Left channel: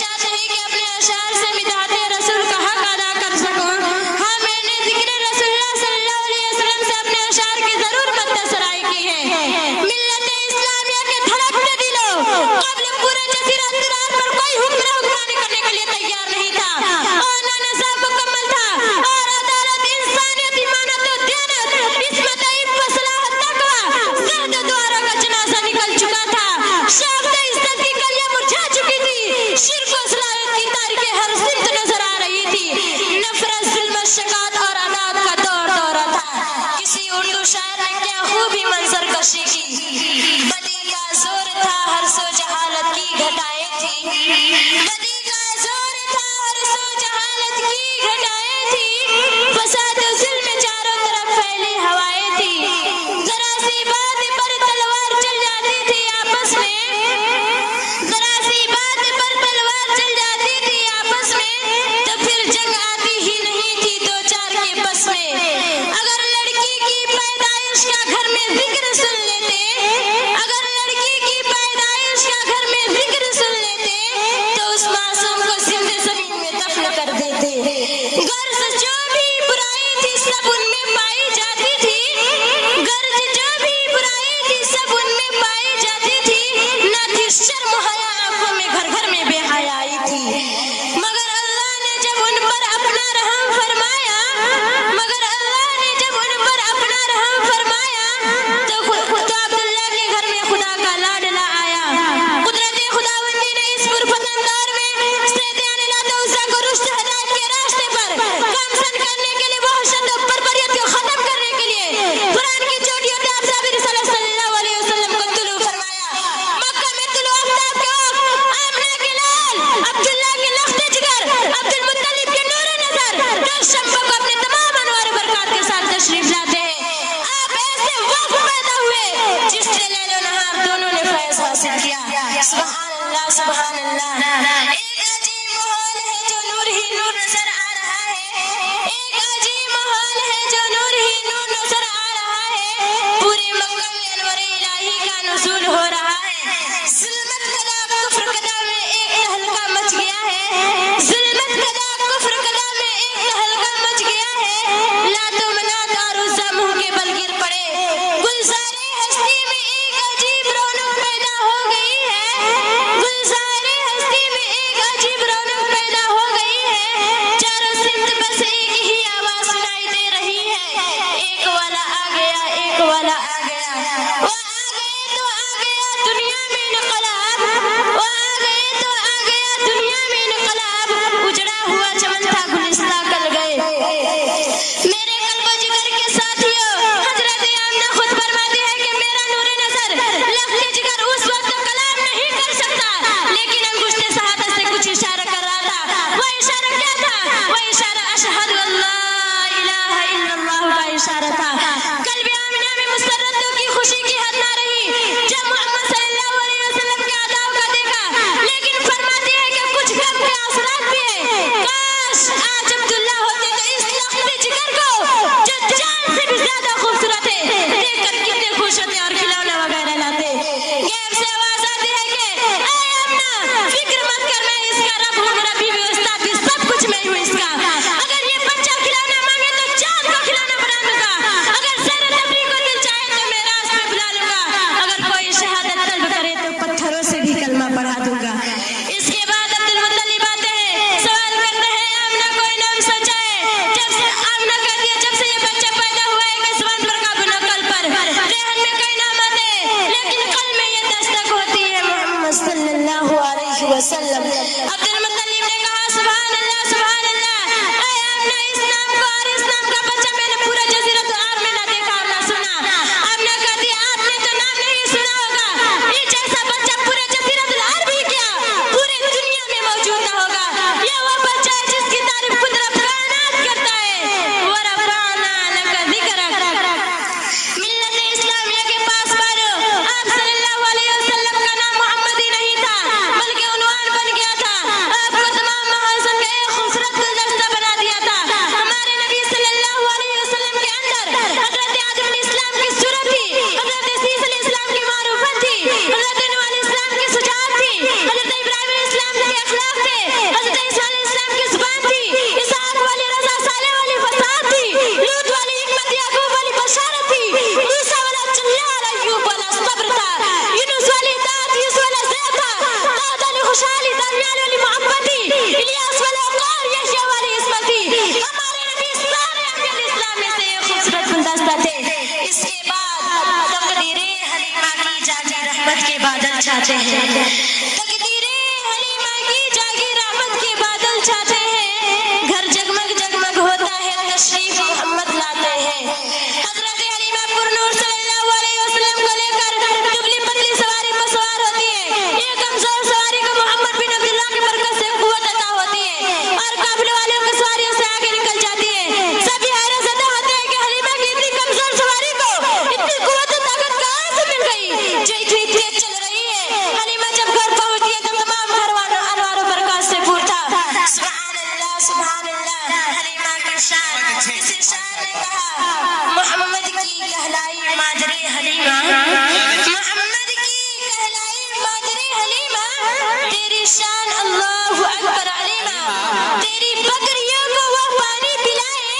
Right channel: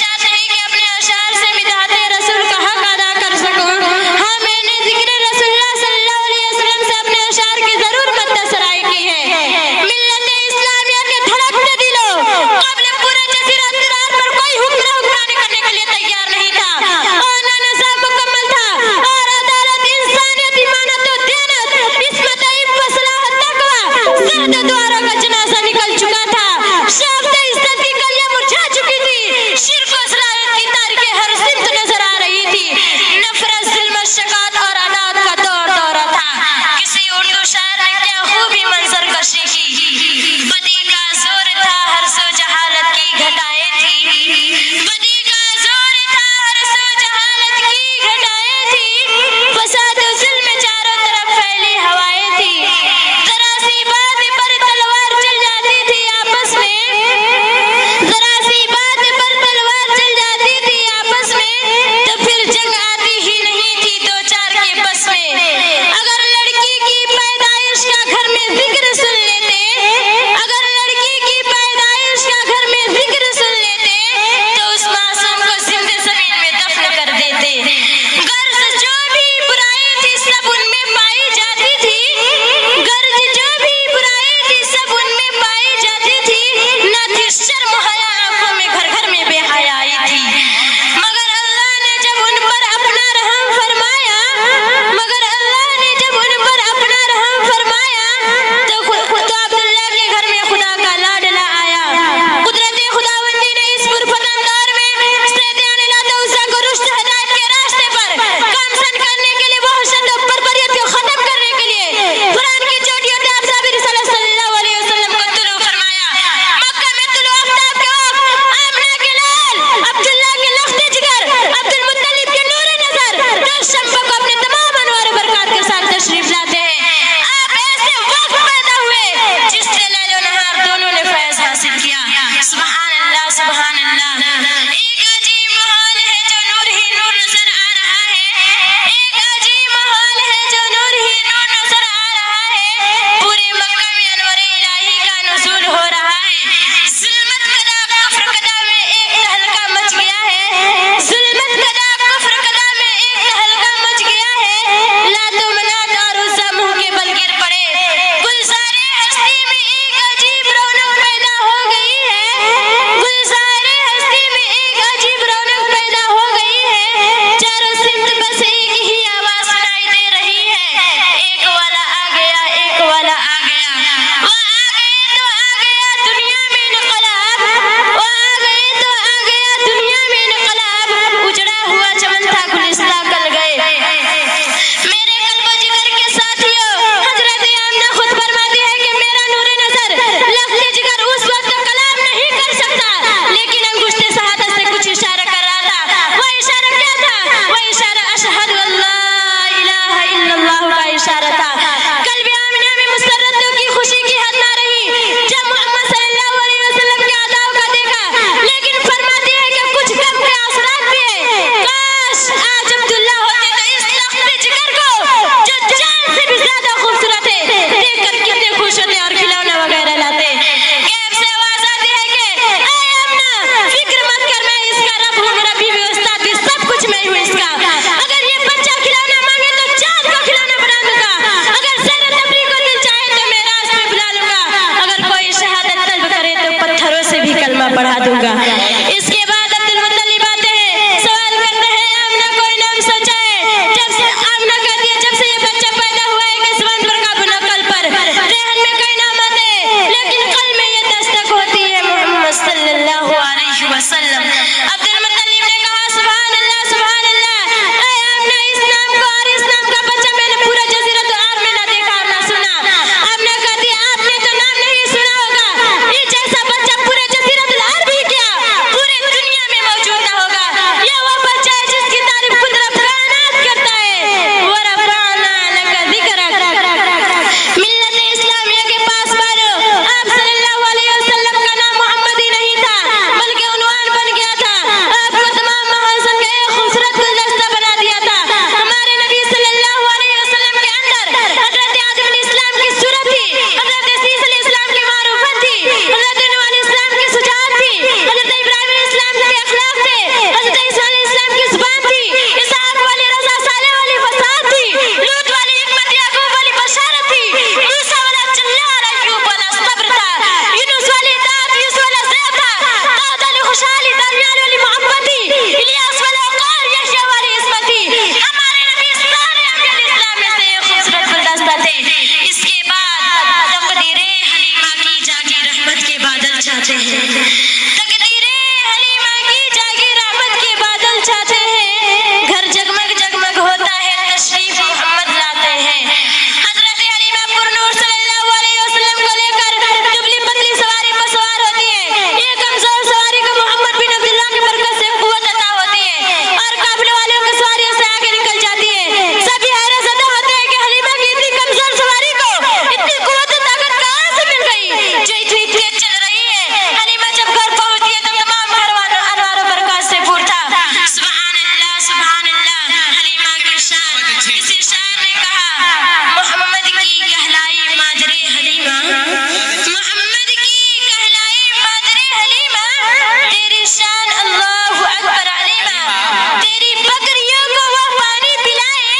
ارشاد نہیں کہ اپنے اشعار سے مدحت رسول کا حق ادا کر سکوں. ہاں میں نے ذکر رسول اللہ صلی اللہ علیہ وسلم سے اپنے اشعار کی ضرور مدسرائی کی ہے. ملت اسلامیہ کے دھڑکتے دلوں قبل پورے جزیرہ عرب پر کوئی حکمرانی کرنے کے لیے تیار نہیں تھا. قانون نظام مکمل تھا اور عدالت، انسانیت، ایمانت و دیانت، عصمت علم، صلاح، تقویٰ، سرد دواروں کا جنازہ نکل چکا تھا. شاخت عزت کی کلیاں مرجھا چکی تھی. شرک و اسلام इबादत छाते हैं, तकदीरे हलीमा की जागी रहमत के बादल छाते हैं, घर जगमग जगमग होता है, तशरीफ मोहम्मद लाते हैं। हजरत हलीमा पुरनूर सल्लल्लाहु अलैहि वसल्लम को लेकर दुबली पतली सवारी पर सवार होती है। ये कमजोर सवारी को मोहम्मद बिन अब्दुल्लाह की बरकत से कुव्वत अता होती है और काफिले वालों की सवारियों से आगे निकल जाती है। सभी हैरत ज़दा होते हैं कि हलीमा की इतनी कमजोर सवारी को इतनी कुव्वत और ताकत कहाँ से मिल गई जो इतनी तेज चल रही है। हलीमा जब घर पहुंचती है तो तमाम घर वालों अनवार और बरकत से पूछता सुभान अल्लाह सुभान अल्लाह। हलीमा की शान, किसी शायर ने कहा मोहम्मद की कहलाई मादरे हलीमा, मोहम्मद की कहलाई मादरे हलीमा, तेरी शान अल्लाहु अकबर अलीमा। तेरी बकरियों को वो पानी पिलाए,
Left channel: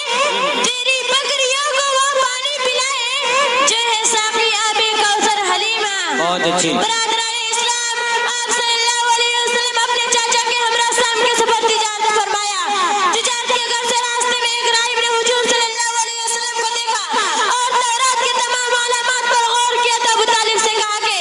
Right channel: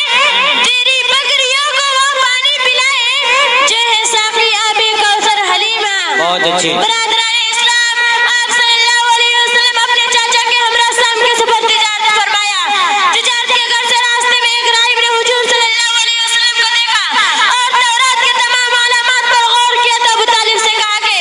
तेरी बकरियों को वो पानी पिलाए जो है साकी आबे कौसर हलीमा। बरादराने इस्लाम, आप सल्लल्लाहु अलैहि वसल्लम अपने चाचा के हमरा शाम के सफर तिजारत फरमाया। तिजारत के घर से रास्ते में एक राहिब ने हुजूर सल्लल्लाहु अलैहि वसल्लम को देखा और तौरात के तमाम अलामात पर गौर किया तो अबू तालिब से कहा कि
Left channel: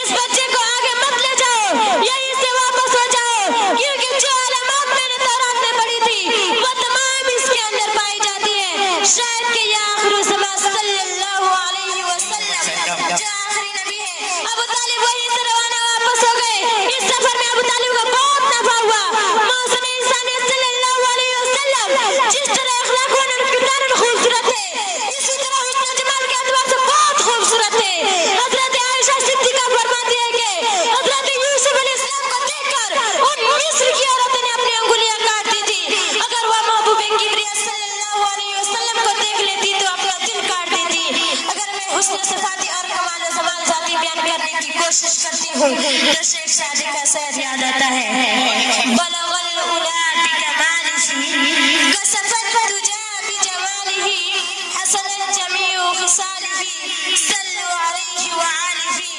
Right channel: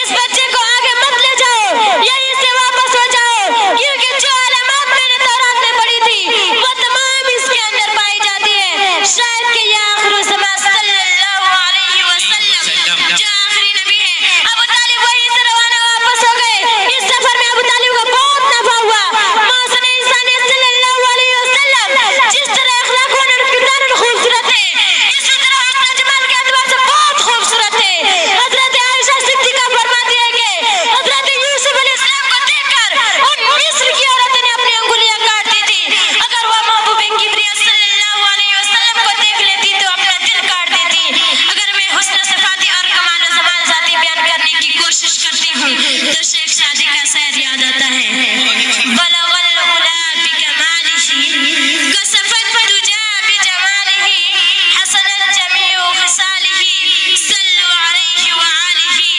इस बच्चे को आगे मत ले जाओ, यहीं से वापस हो जाओ, क्योंकि जो अलामात मैंने तौरात में पढ़ी थी वो तमाम इसके अंदर पाई जाती है। शायद कि ये आखिरी ज़मां सल्लल्लाहु अलैहि वसल्लम जो आखिरी नबी है। अबू तालिब वहीं से रवाना वापस हो गए। इस सफर में अबू तालिब को बहुत नफा हुआ। मौसम इंसानी सल्लल्लाहु अलैहि वसल्लम जिस तरह अखलाक व किरदार खूबसूरत है, इसी तरह हुस्न जमाल के एतबार से बहुत खूबसूरत है। हजरत आयशा सिद्दीका फरमाती है कि हजरत यूसुफ अलैहिस्सलाम को देखकर उन मिस्र की औरतें ने अपनी अंगुलियां काट दी थी। अगर वह महबूब किबरिया सल्लल्लाहु अलैहि वसल्लम को देख लेती तो अपना दिल काट देती। अगर मैं हुस्न सिफाती और कमाल व जमाल ज़ाती बयान करने की कोशिश करती हूँ तो शेख शादी का शेर याद आता है। बलगल उला बिकमालिही कसफत तुजा बिजमालिही हसनत जमीउ खिसालिही सल्लु अलैहि व आलिही।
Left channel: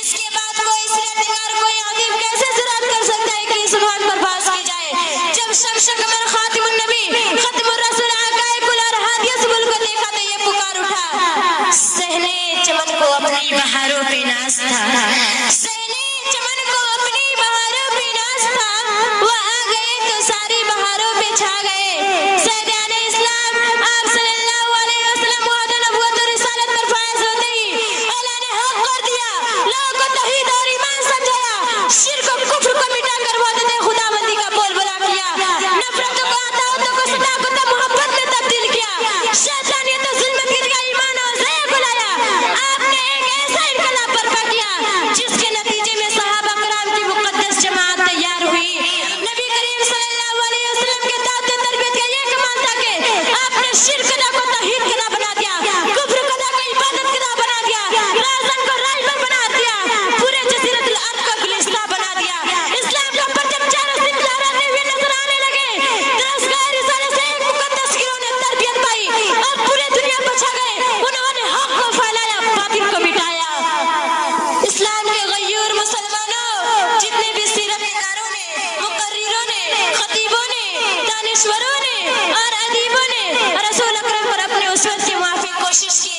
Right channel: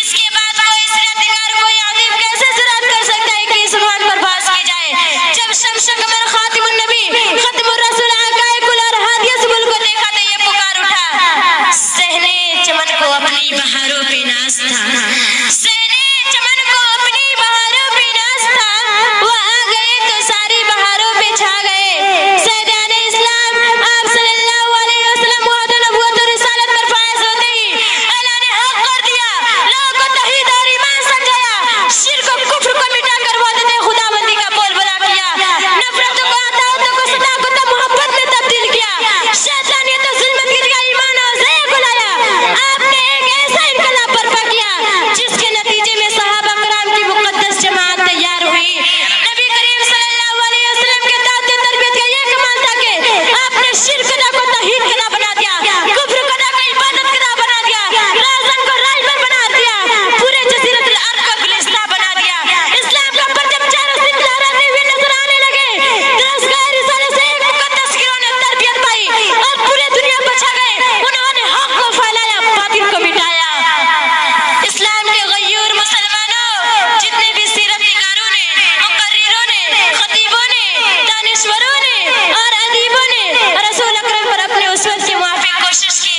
इसके बाद कोई सिरतकार कोई अदीब कैसे ज़रात कर सकता है कि इस बात पर बहस की जाए जब शम्स कमर खातिमुन नबी खत्मुर रसूल आकाए-कुल और हादिया सुबुल को देखा तो ये पुकार उठा सहने चमन को अपनी बहारों पे नाज था, सहने चमन को अपनी बहारों पे नाज था, वो आ गए तो सारी बहारों पे छा गए। सैयदाने इस्लाम, आप सल्लल्लाहु अलैहि वसल्लम वअद नबुव्वत और रिसालत पर फायज होते ही अल्लाह ने हक कर दिया, लोगों को तौहीद और ईमान समझाया, शिर्क और कुफ्र को मिटाकर वहदत खुदाबंदी का बोलबाला किया, नफरतों को अताओं को सदाकत और मोहब्बत में तब्दील किया, शैतानियत और ज़ुल्मत की जगह ईमान और ज़िया को लाया। आपने एक ऐसा इनकलाब बर्पा किया जिसके नतीजे में सहाबा कराम की मुक़द्दस जमात तैयार हुई। नबी करीम सल्लल्लाहु अलैहि वसल्लम के दावत तरबियत का ये कमाल था कि आपने शिर्क अदा को तौहीद अदा बना दिया, कुफ्र अदा को इबादत अदा बना दिया, राज़न को राहबर बना दिया, पूरे जज़ीरतुल अरब को गुलिस्तान बना दिया। इस्लाम का परचम चारों से लहराते हुए नजर आने लगे। दरअसल रिसाले से एक मुक़द्दस गिरोह ने तरबियत पाई और पूरे दुनिया पर छा गए। उन्होंने हक को फैलाया, बातिल को मिटाया। इस्लाम के गयूर मुसलमानों, जितने भी सीरत निगारों ने, मुकर्रिरों ने, खतीबों ने, दानिश्वरों ने और अदीबों ने रसूल अकरम पर अपने उसवत के मुआफिक कोशिश की,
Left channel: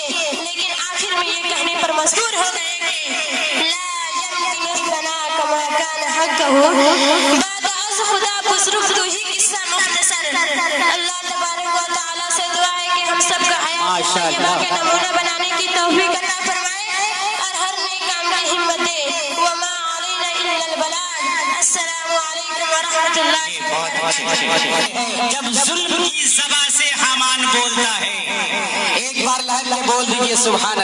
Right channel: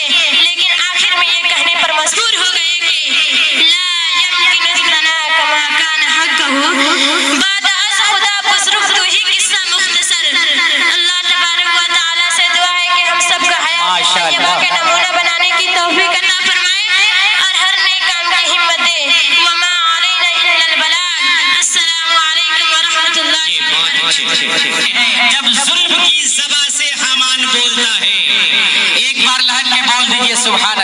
लेकिन आखिर में ये कहने पर मजबूर हो गए कि ला यमकिनु लना कमा कान हक़्क़हु बाद अज़ खुदा बुज़ुर्ग तू ही किस्सा मुख्तसर। अल्लाह तबारक व तआला से दुआ है कि हम सबको हयात तय्यबा के नमूना बनाने की तौफीक अता फरमाए और हर नेक काम की हिम्मत दे। व मा अलैना इल्लल बलाग। अस्सलामु अलैकुम व रहमतुल्लाहि व बरकातुहू। जब जुल्म की ज़बां से हामान बोलता है, एक बार लहर के बोल दीजिए सुभान